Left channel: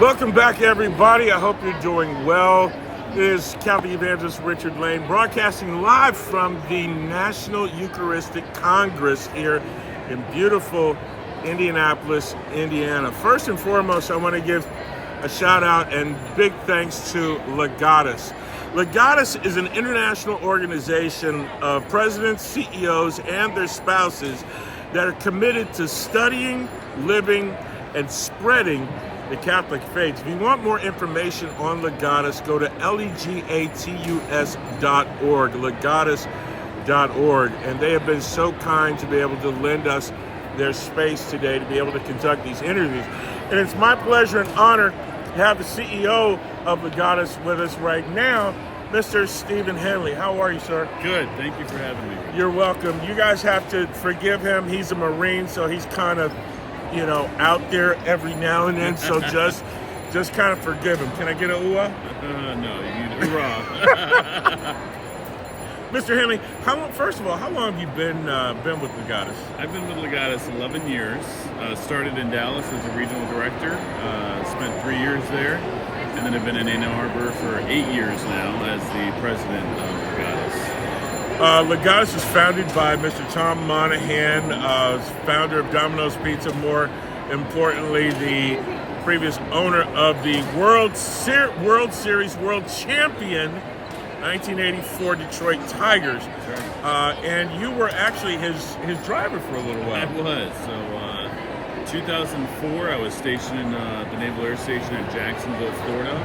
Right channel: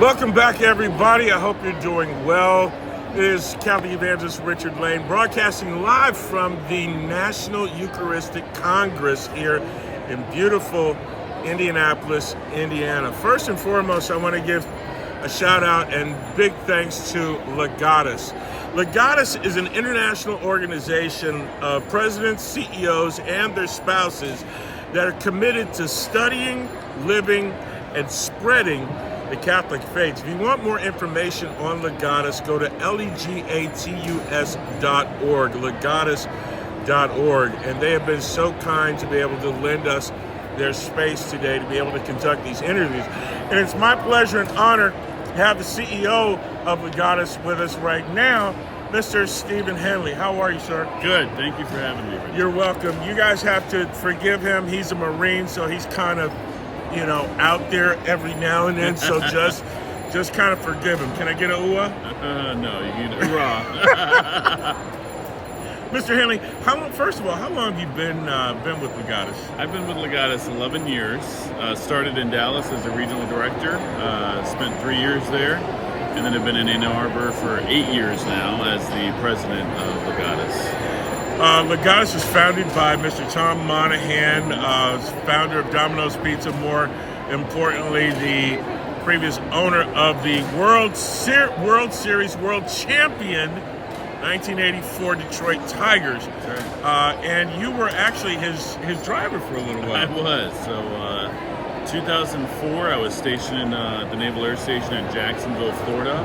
Welcome back, everybody. I hope you're doing well. It is Catholic Evangelist Richard Lane broadcasting live from the National Eucharistic Congress here in beautiful Indianapolis, Indiana. First and foremost, I want to give a shout out and big thanks to Legatus. Legatus is an international organization of presidents, CEOs, and their spouses that are committed to studying, living, and spreading the Catholic faith. If you want more information on Legatus, go to legatus.org, legatus.org. And they have been so kind to be able to lend us their space today to be able to conduct these interviews. And it's my pleasure and honor to have the CEO of Legatus with us right now, Mr. Stephen Henley. How are you, sir? Good. Thank you for having me. You're welcome. You guys have to forgive him. He's a Marine, so he's kind of out there every now and then, so just kind of forgive him. Can I get a ooh-ah? No, you need ooh-ah. Mr. Henley, first of all, how long have you been with Legatus? I've been with Legatus 11 years. Started in Dallas as a regional director, spent 3 years there, and then I've been in Ann Arbor for 8 years now as the president of Legatus. Legatus was founded by Mr. Tom Monahan, founder of Domino's Pizza, more importantly, the previous owner of the World Series World Champion 1984 Detroit Tigers. Sure. And you were actually his driver for a little while. I was. So 2004, I was stationed in the Naval Air Station in Jacksonville, Florida.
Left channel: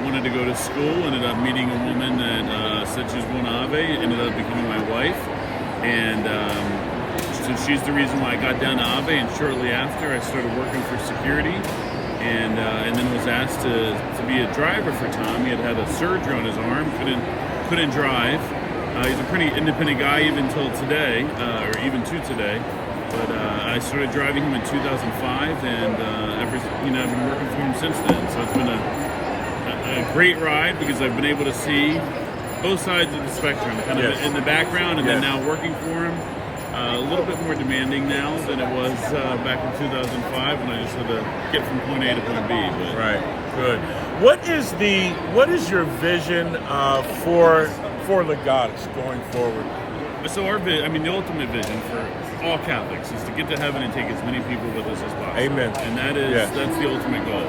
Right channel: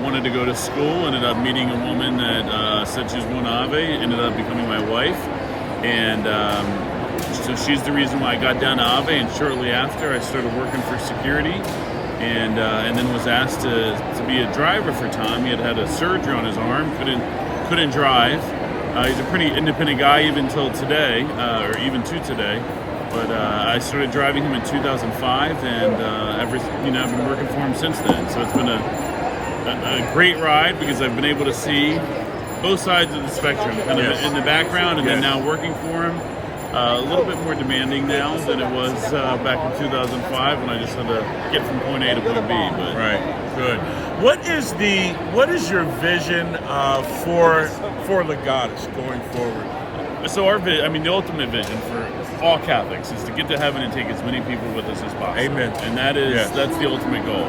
Wanted to go to school, ended up meeting a woman that said she was going to Ave, ended up becoming my wife, and so she's the reason why I got down to Ave, and shortly after I started working for security, and then was asked to be a driver for Tom. He had a surgery on his arm, couldn't drive. He's a pretty independent guy even till today, or even to today. But I started driving him in 2005, and I've been working for him since then. So it's been a great ride because I've been able to see both sides of the spectrum, kind of in the background, and then now working for him. A little bit more demanding now than it was back in 2005 when I just had to get from point A to point B. But. Right, good. What is your vision for Legatus going forward? So the ultimate vision for all Catholics is to get to heaven and take as many people with us as possible. Amen. And that's the ultimate goal.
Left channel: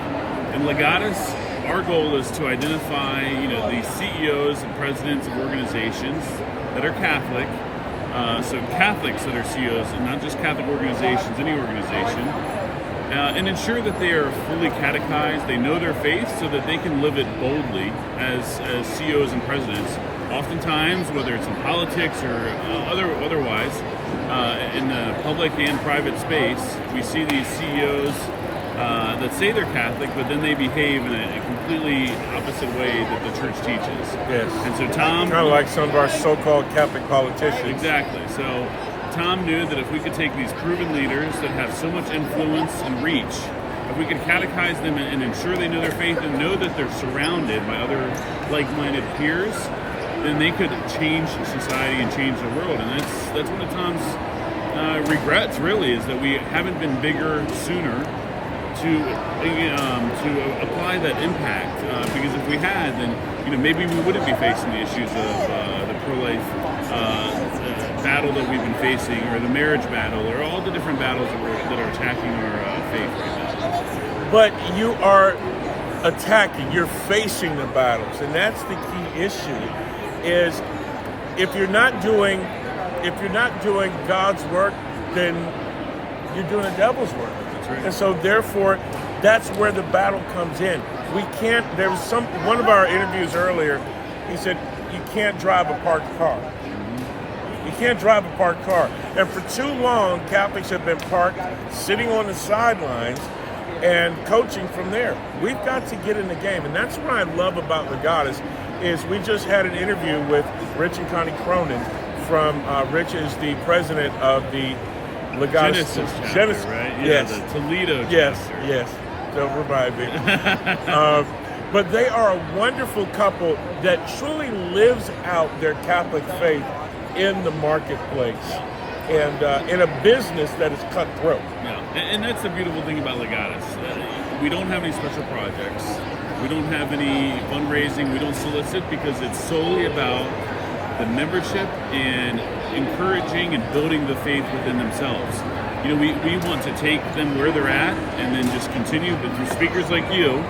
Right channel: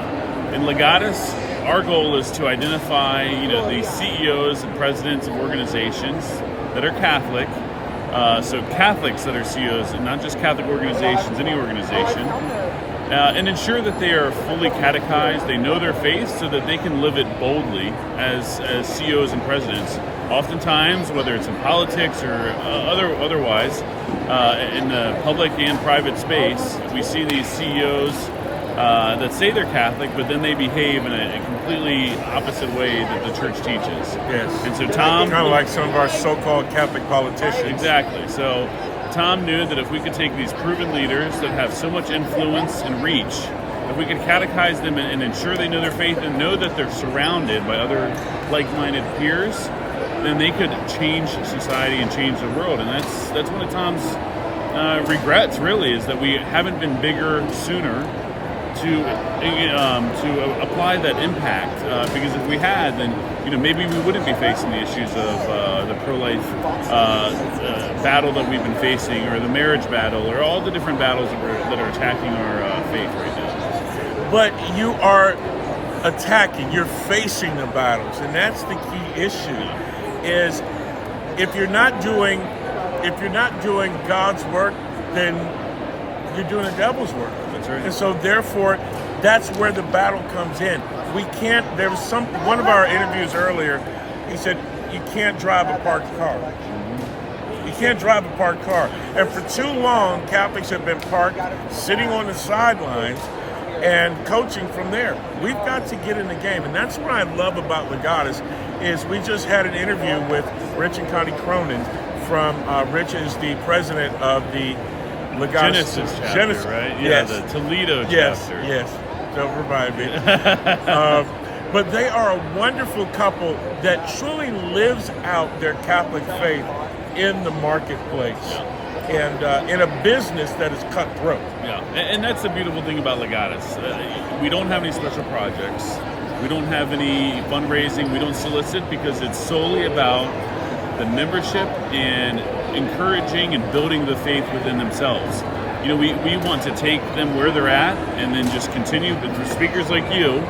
In Legatus, our goal is to identify, the CEOs and presidents of organizations that are Catholic, so Catholics that are CEOs, and not just Catholic organizations, any organization, and ensure that they are fully catechized, they know their faith, so that they can live it boldly as CEOs and presidents. Oftentimes, whether it's in politics or otherwise, in the public and private space, we see these CEOs that say they're Catholic, but then they behave in a completely opposite way that the church teaches. Yes. And so Tom... Kind of like some of our so-called Catholic politicians. Exactly. So Tom knew that if we could take these proven leaders that have so much influence and reach, if we could catechize them and ensure they know their faith and know that they're surrounded by other like-minded peers, then they could change society and change the world. And that's one of Tom's regrets, really, is that we haven't been bigger sooner to apply that impact, because if we had, then maybe we wouldn't be facing the issues of the pro-life battle that we've been facing, or the marriage battle, or all the different battles that are attacking our faith right now. But you are you're facing the battles, and that's the key issue. Is if you're not doing God's work, then you're doing the devil's work. That's right. And so therefore, that's where the battle comes in. We can't. There was one of our interviews earlier. He said you can't drive a parked car. Mm-hmm. You can't drive a parked car. And for too long, Catholics have been parked, sitting on the sidelines, and coaching from there. We've got to get in the game, and that's what I love about Legatus. Is we just had an interview with Rich and Connie Cronin from Rich is the president of the Legatus Genesis, right? Yes. The Toledo yes, chapter. Yes. Don't remind me. But they are a wonderful couple that truly lives out their Catholic faith in the marketplace. And in a business that is cutthroat. Yeah, and that's the beautiful thing about Legatus. we don't have any special projects. We don't have any fundraising. We don't solicit because it's solely about the membership and encouraging and building the faith within themselves. We want to take them where they're at and then just continue with speakers like you,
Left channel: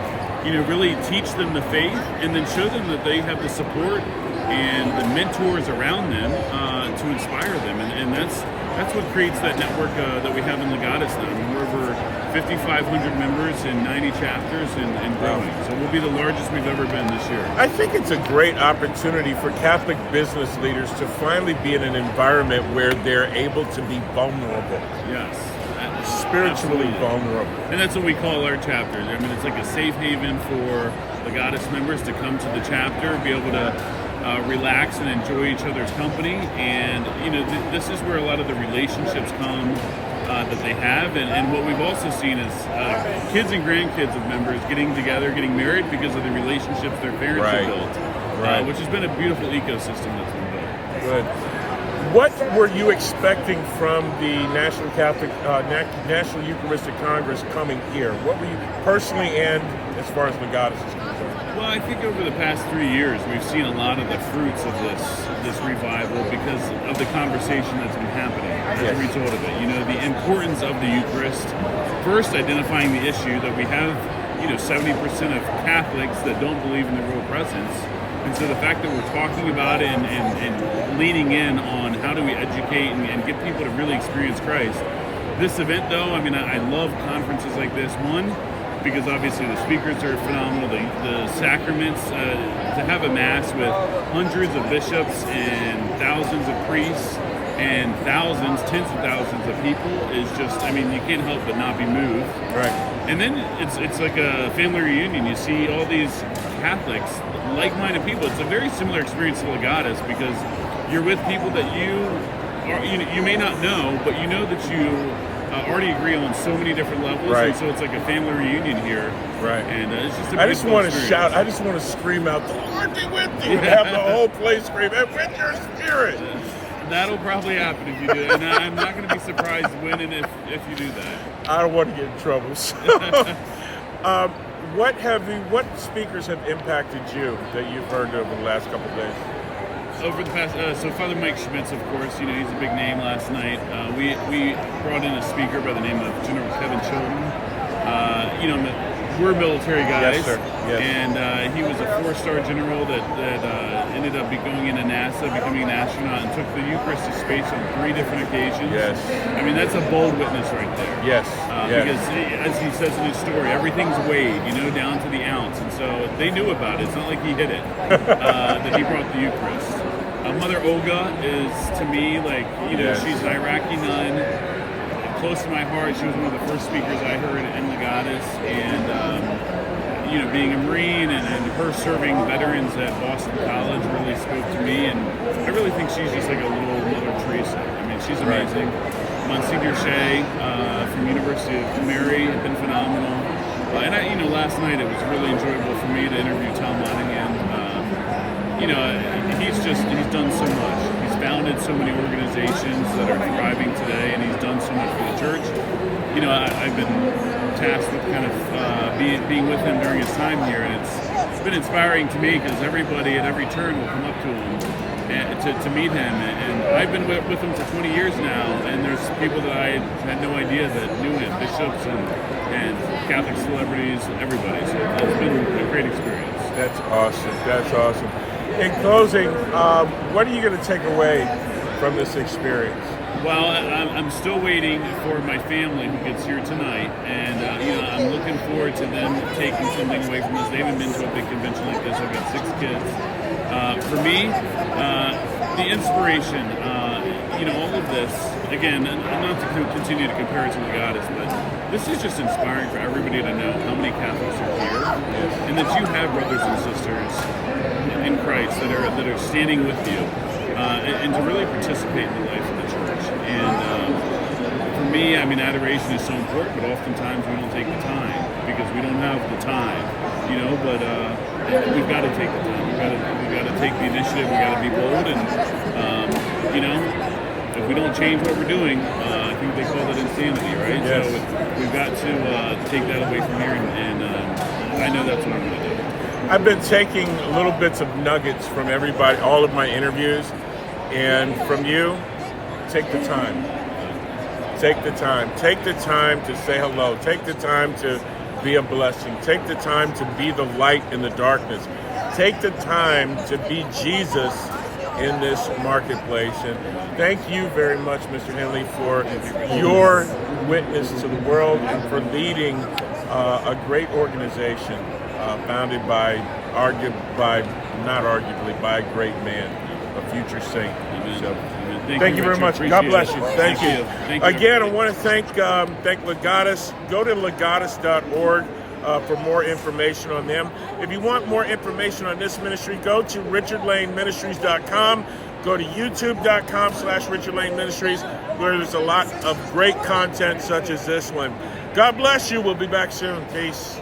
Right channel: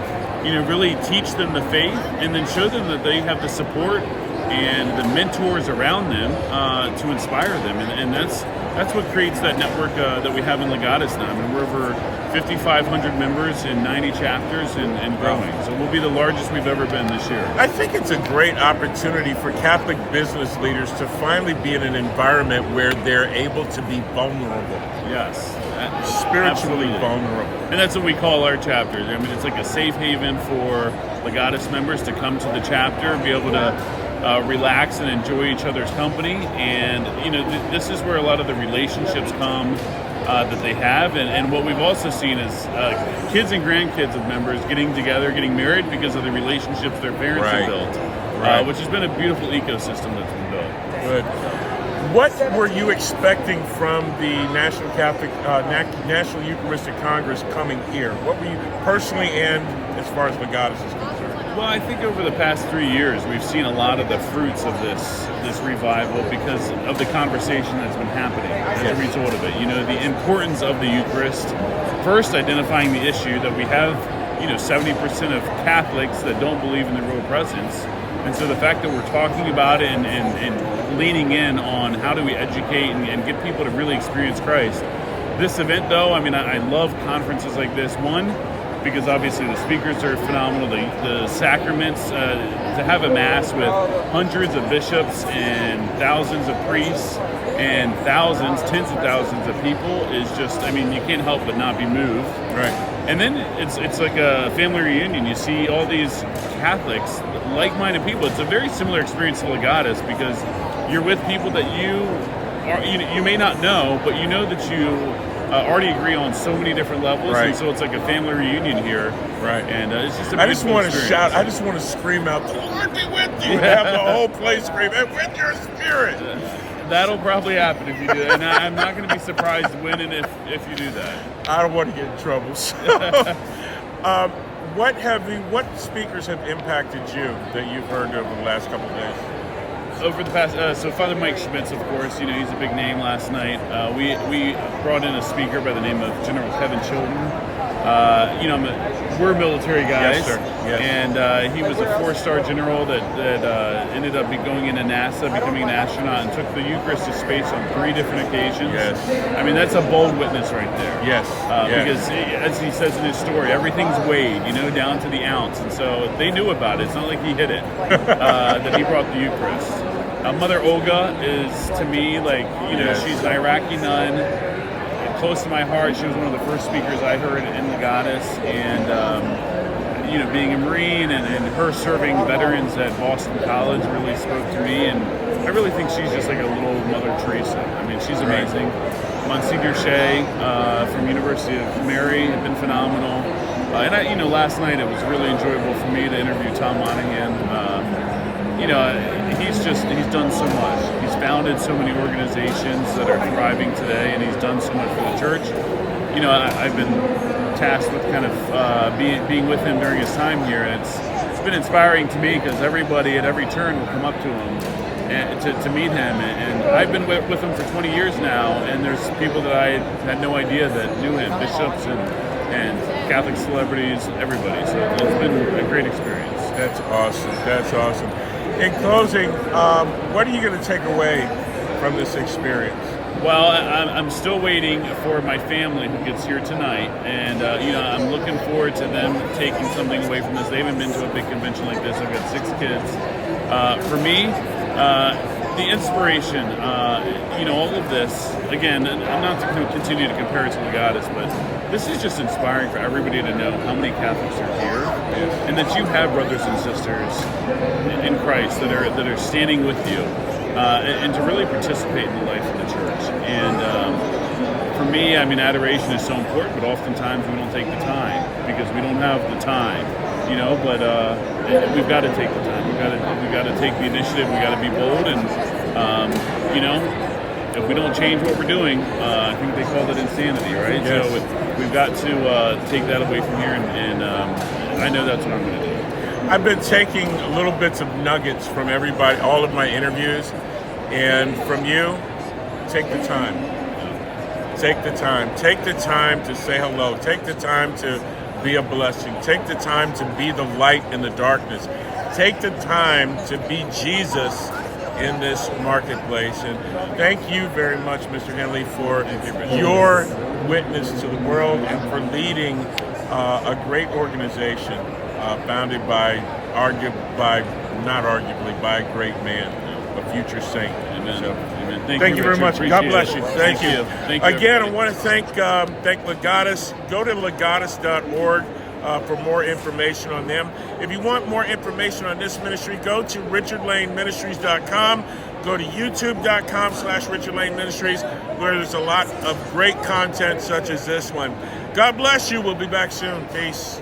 really teach them the faith and then show them that they have the support and the mentors around them to inspire them. And that's what creates that network that we have in Legatus now. I mean, we're over 5,500 members in 90 chapters and growing. So we'll be the largest we've ever been this year. I think it's a great opportunity for Catholic business leaders to finally be in an environment where they're able to be vulnerable. Yes. Spiritually Absolutely. vulnerable. And that's what we call our chapters. I mean, it's like a safe haven for Legatus members to come to the chapter, be able to relax and enjoy each other's company. And, this is where a lot of the relationships come that they have. And what we've also seen is kids and grandkids of members getting together, getting married because of the relationships their parents have built, which has been a beautiful ecosystem that's been built. Good. What were you expecting from the National National Eucharistic Congress coming here? What were you personally and as far as Legatus is concerned? Well, I think over the past 3 years, we've seen a lot of the fruits of this revival because of the conversation that's been happening as a result of it. The importance of the Eucharist. First, identifying the issue that we have, 70% of Catholics that don't believe in the real presence. And so the fact that we're talking about it and leaning in on how do we educate and get people to really experience Christ. This event, though, I love conferences like this. One, because obviously the speakers are phenomenal. The sacraments, to have a mass with hundreds of bishops and thousands of priests and tens of thousands of people is just, you can't help but not be moved. Right. And then it's like a family reunion. You see all these Catholics, like-minded people. It's a very similar experience to Legatus because you're with people that you may not know, but you know that you already agree on so many different levels. Right. And so it's like a family reunion here. Right. And it's just I just want to shout, I just want to scream out, the Lord be with you, and have the whole place scream, and with your spirit. That'll probably happen if you do it. And I'm not going to be surprised when and if you do that. I don't want to get in trouble. So, what speakers have impacted you that you've heard over the last couple of days? Over the past, so Father Mike Schmitz, of course, he's a big name last night. We brought in a speaker by the name of General Kevin Chilton. We're military guys. Yes, sir. Yes. And he was a 4-star general that ended up going into NASA, becoming an astronaut, and took the Eucharist to space on 3 different occasions. Yes. That's a bold witness right there. Yes. Because as he says in his story, everything's weighed, down to the ounce. And so they knew about it. It's not like he hid it, that he brought the Eucharist. Mother Olga is, to me, she's an Iraqi nun, close to my heart. She was one of the first speakers I heard in Legatus, and being a Marine and her serving veterans at Boston College really spoke to me, and I really think she's just like a little Mother Teresa. She's amazing. Monsignor Shea from University of Mary has been phenomenal, and last night it was really enjoyable for me to interview Tom Monahan. He's done so much. He's founded so many organizations that are thriving today, and he's done so much for the church. I've been tasked with kind of being with him during his time here, and it's been inspiring to me because everybody at every turn will come up to him and to meet him. And I've been with him for 20 years now, and there's people that I had no idea that knew him, bishops and Catholic celebrities, everybody. So it's been a great experience. That's awesome. That's awesome. In closing, what are you going to take away from this experience? Well, I'm still waiting for my family who gets here tonight, and I'm looking forward to them taking something away from this. They haven't been to a big convention like this. I've got 6 kids. For me, the inspiration, all of this, again, not to continue to compare it to Legatus, but this is just inspiring for everybody to know how many Catholics are here, and that you have brothers and sisters in Christ that are standing with you, and to really participate in the life of the church. And for me, adoration is so important, but oftentimes we don't take the time because we don't have the time, but we've got to take the time. We've got to take the initiative. We've got to be bold, and if we don't change what we're doing, I think they call that insanity, right? Yes. So we've got to take that away from here and I know that's what I'm going to do. I've been taking little bits of nuggets from everybody, all of my interviews, and from you, take the time. Take the time. Take the time to say hello. Take the time to be a blessing. Take the time to be the light in the darkness. Take the time to be Jesus in this marketplace. And thank you very much, Mr. Henley, for your witness to the world and for leading a great organization founded by not arguably, by a great man, a future saint. Amen. So, Amen. Thank you very much. God bless you. Thank you. Thank you. Again, I want to thank Legatus. Go to legatus.org for more information on them. If you want more information on this ministry, go to richardlaneministries.com. Go to youtube.com/richardlaneministries, where there's a lot of great content such as this one. God bless you. We'll be back soon. Peace.